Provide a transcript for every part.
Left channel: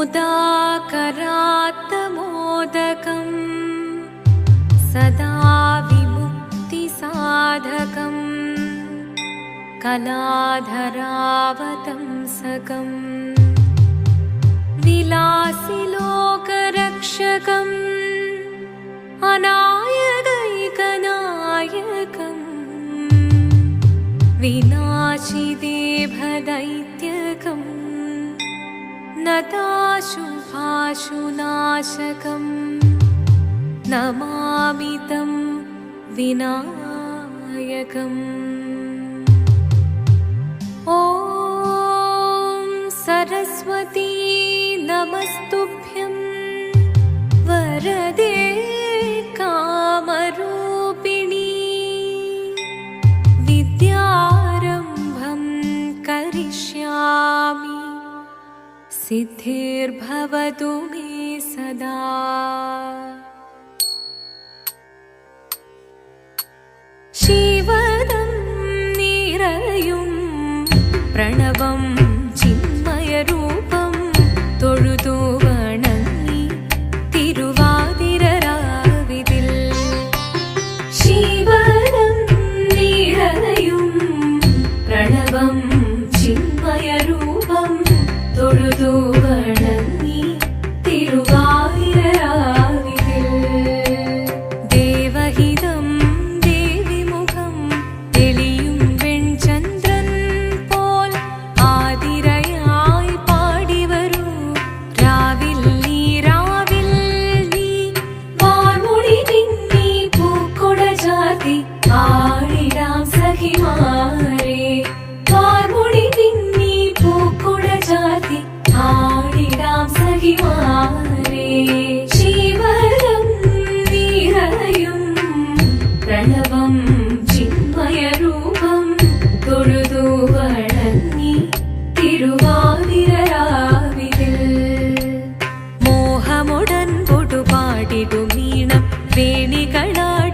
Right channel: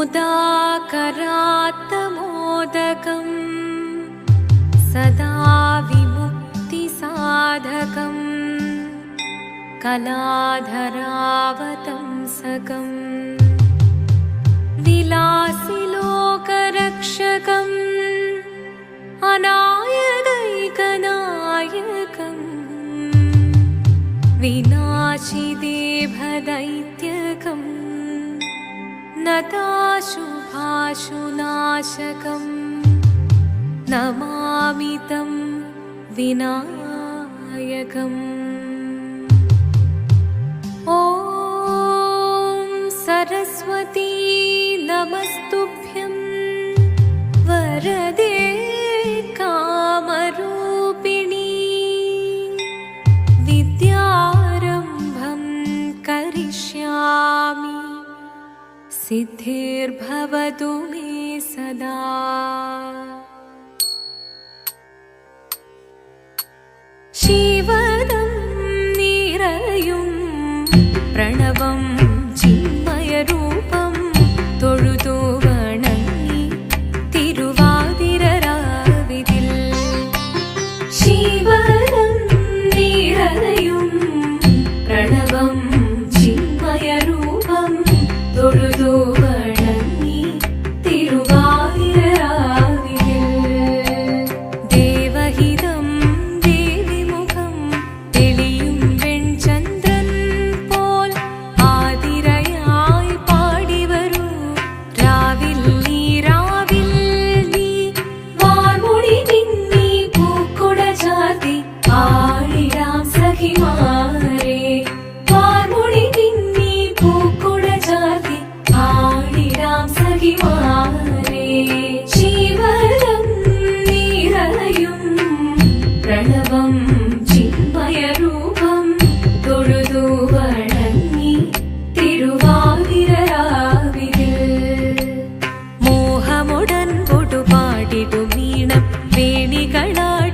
मुदाकरात्तमोदकम् सदा विमुक्तिसाधकम् कलाधरावतंसकम् विलासिलोकरक्षकम् अनायकैकनायकम् विनाशिदेभदैत्यकम् नताशुभाशुनाशकम् नमामि तं विनायकम्। ॐ सरस्वती नमस्तुभ्यं वरदे कामरूपिणी विद्यारम्भं करिष्यामि सिद्धिर्भवतु मे सदा। शिवदं निरयुं प्रणवं चिन्मयरूपं തൊഴുതു വണങ്ങി തിരുവാതിരരാവിതിൽ ശിവദം നിറയും പ്രണവം ചിന്മയരൂപം തൊഴുതു വണങ്ങി തിരുവാതിരരാവിതിൽ ദേവഹിതം ദേവിമുഖം തെളിയും വെൺചന്ദ്രൻ പോൽ ആതിരയായി പാടിവരൂ രാവിൽ നീ വാർമുടി പിന്നി പൂക്കൊട ചാർത്തി ആടിടാം സഖിമാരെ വാർമുടി പിന്നി പൂക്കൊട ചാർത്തി ആടിടാം സഖിമാരെ ശിവദം നിറയും പ്രണവം ചിന്മയരൂപം തൊഴുതു വണങ്ങി തിരുവാതിരരാവിതിൽ മോഹമുടൻ പൊടുപാടിടുമീണം വേണികളാടിടുമീരടി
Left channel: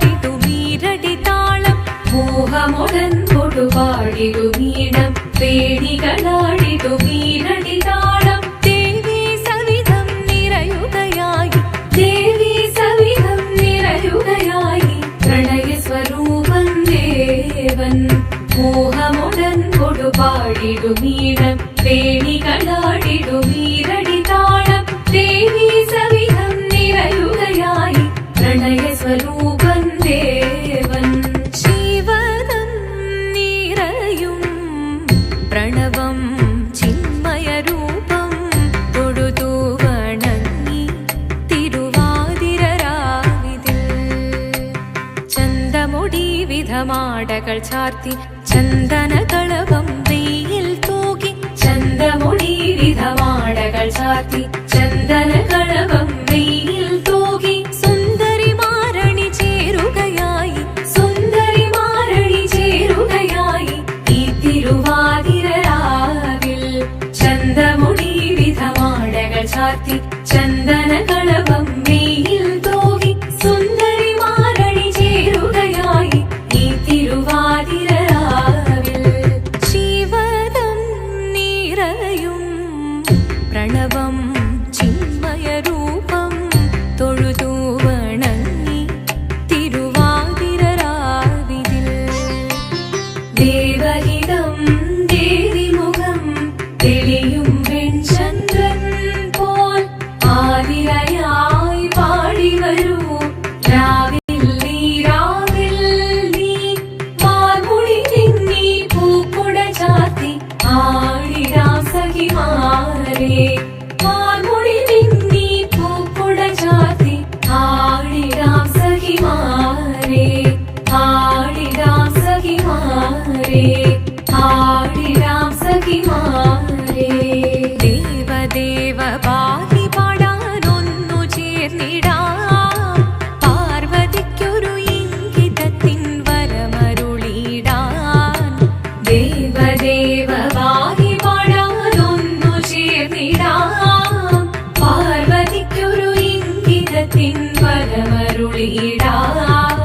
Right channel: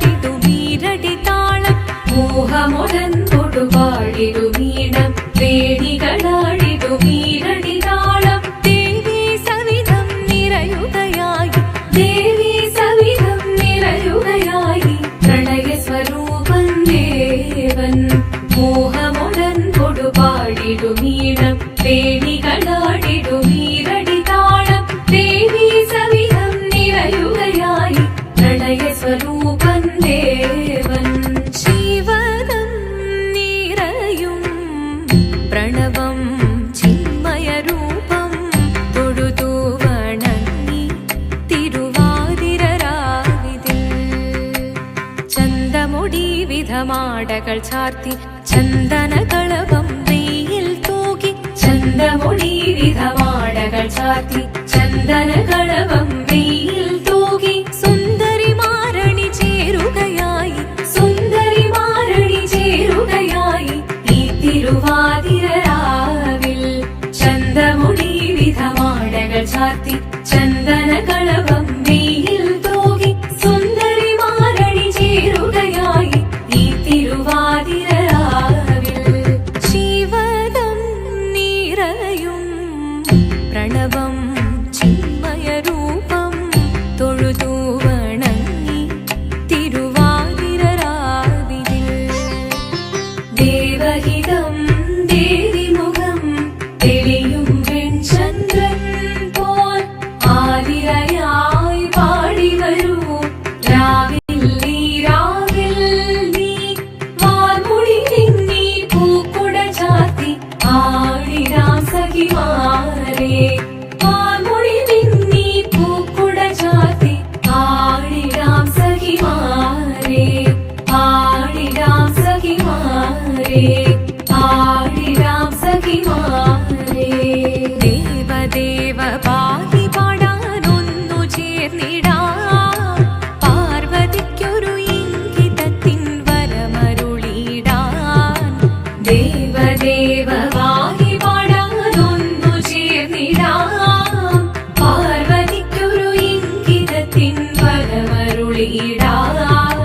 താളം മോഹമുടൻ പൊടുപാടിടുമീണം വേണികളാടിടുമീരടി താളം ദേവി സവിധം നിറയുകയായി ദേവി സവിധം നിറയുകയായി പ്രണയസ്വരൂപൻ ദേവൻ മോഹമുടൻ കൊടുപാടിടുമീണം വേണികളാടിടുമീരടി താളം ദേവി സവിധം നിറയുകയായി പ്രണയസ്വരൂപൻ ദേവൻ ശിവദം നിറയും പ്രണവം ചിന്മയരൂപം തൊഴുതു വണങ്ങി തിരുവാതിരരാവിതിൽ ചന്തമുടി വിധമാടകൾ ചാർത്തി ചന്ദനകളഭം വെയിൽ തൂകി ചന്തമുടി വിധമാടകൾ ചാർത്തി ചന്ദനകളഭം വെയിൽ തൂകി സുന്ദരിമാരണി ചേരുകയായി സുന്ദരിമാരണി ചേരുകയായി ഈ തിരുവാതിരരാവിൽ ചന്തമുടി വിധമാടകൾ ചാർത്തി ചന്ദനകളഭം വെയിൽ തൂകി സുന്ദരിമാരണി ചേരുകയായി ഈ തിരുവാതിരരാവിൽ ശിവദം നിറയും പ്രണവം ചിന്മയരൂപം തൊഴുതു വണങ്ങി തിരുവാതിരരാവിതിൽ ദേവഹിതം ദേവിമുഖം തെളിയും വെൺചന്ദ്രൻ പോൽ ആതിരയായി പാടിവരൂ രാവിൽ നീ വാർമുടി പിന്നി പൂക്കൊട ചാർത്തി ആടിടാം സഖിമാരെ വാർമുടി പിന്നി പൂക്കൊട ചാർത്തി ആടിടാം സഖിമാരെ ആടിടാം സഖിമാരെ ആടിടാം സഖിമാരെ ദേവദേവ പാഹി പാടാനൊന്നു ചേർന്നിടാം പാർവതിക്കൊരു ഇംഗിതത്തിൻ വരമരുളിടാൻ ദേവദേവ പാഹി പാടാനൊന്നു ചേർന്നിടാം പാർവതിക്കൊരു ഇംഗിതത്തിൻ വരമരുളിടാൻ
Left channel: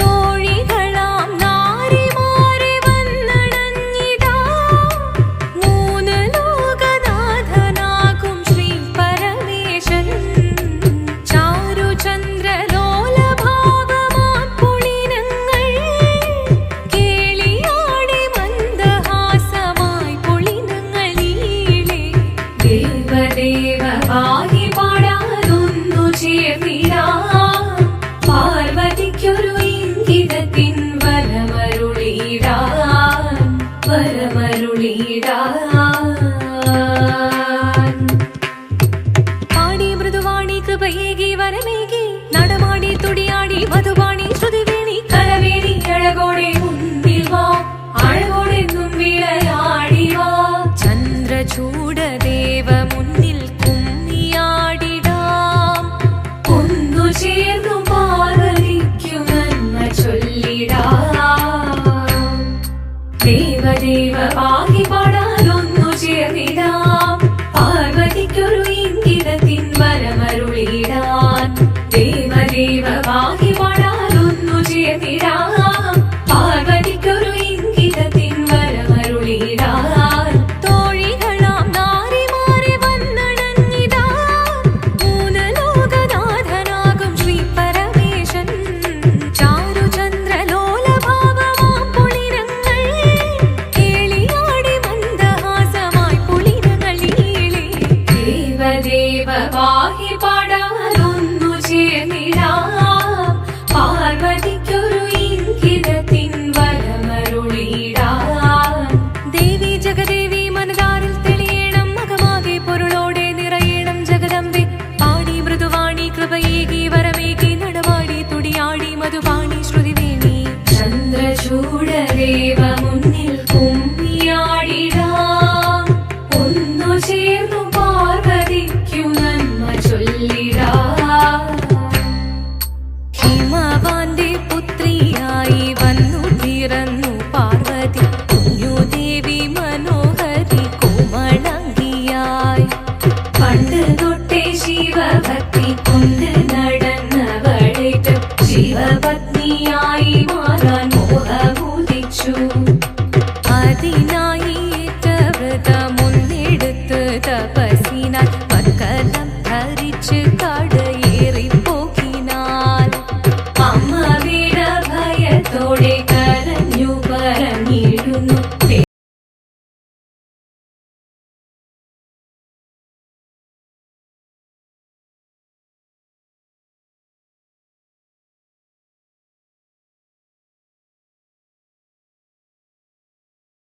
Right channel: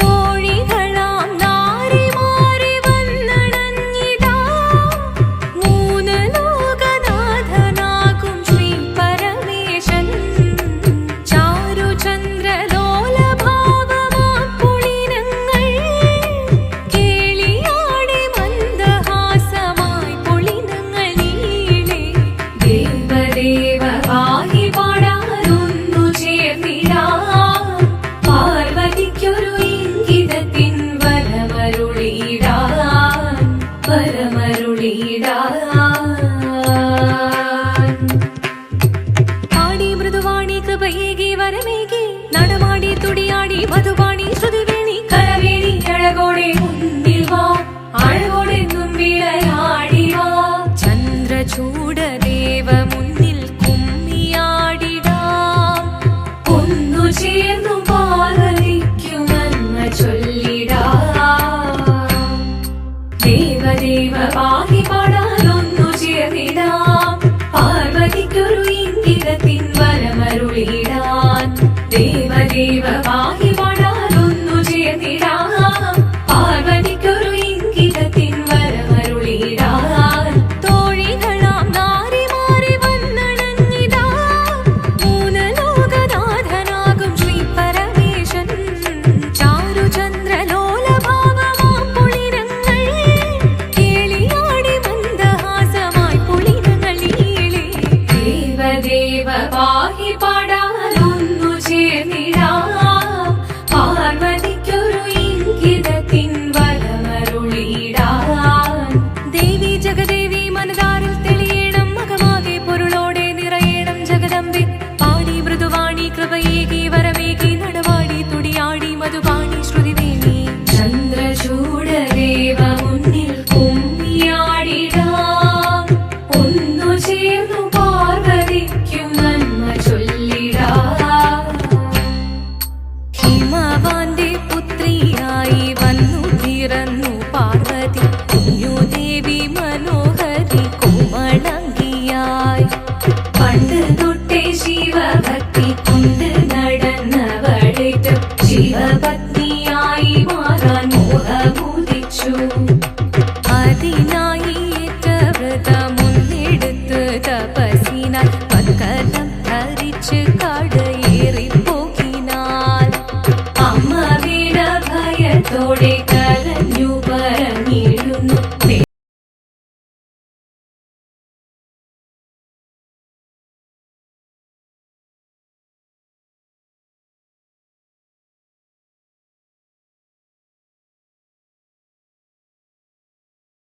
തോഴികളാം നാരിമാരെ വന്നണഞ്ഞിടാം മൂന്ന് ലോകനാഥനാകും ശ്രീ പര വരമരുളിടാൻ. പാടി മൃദുവാണി കൃപയേകി വരമേകി നടമാടി തുടിയാടി മധുവാണി ശ്രുതിവേണി കരവേണി അഴകോടെ മുന്നിൽ വാ അഴകോടെ തുമ്പിളയാടി വാ. ചന്ദ്രചൂഡദേവ മുന്നിൽ കുമ്മിയാടിടാം ഒന്നു ചേർന്നു പാർവതിക്കു നന്മ ചൊല്ലിടാം. ദേവദേവ പാഹി പാടാനൊന്നു ചേർന്നിടാം പാർവതിക്കൊരു ഇംഗിതത്തിൻ വരമരുളിടാൻ. ദേവദേവ പാഹി പാടാനൊന്നു ചേർന്നിടാം പാർവതിക്കൊരു ഇംഗിതത്തിൻ വരമരുളിടാൻ. തോഴികളാം നാരിമാരെ വന്നണഞ്ഞിടാ മൂന്ന് ലോകനാഥനാകും ശ്രീ പരമേശൻ. ചാരുചന്ദ്രലോലഭാവമാം പുളിരങ്ങൾ കേളിയാടി മന്ദഹാസമായി പുളിരങ്ങൾ ഈളെ. ദേവദേവ പാഹി പാടാനൊന്നു ചേർന്നിടാം പാർവതിക്കൊരു ഇംഗിതത്തിൻ വരമരുളിടാൻ. ദേവി ജഗദേവി മനതാരിൽ തെളിയണം മകമാകെ പൊരുളോടെ നിറയണം ജഗദമ്പെ. പാടി മൃദുവാണി കൃപയേകി വരമേകി നടവാടി തുടിയാടി മധുവാണി ശ്രുതിവേണി. ചന്ദ്രചൂഡദേവ മുന്നിൽ കുമ്മിയാടിടാം ഒന്നു ചേർന്നു പാർവതിക്കു നന്മ ചൊല്ലിടാം. ഹിമവാന്റെ പുത്രിയായി വന്നു പിറന്നു പാർവതി കുഞ്ഞുദേവി മനോഹരി കോമളങ്കിയായി. പണ്ട് തൊട്ടേ ശിവഭക്തി കൊണ്ട് നടന്നവളേറ്റ് ശിവപത്നിയായി മാറാൻ മോഹമുദിച്ചു. അതിനായി ഏറ്റ വ്രതമൊന്നെടുത്ത് തപസ്സിനാൽ പക്കലം ധരിച്ച് കടയേറിപ്പോകിനാൽ. അമ്മ വീര ഭയത്തോടെ കരഞ്ഞു പറഞ്ഞിടുന്നു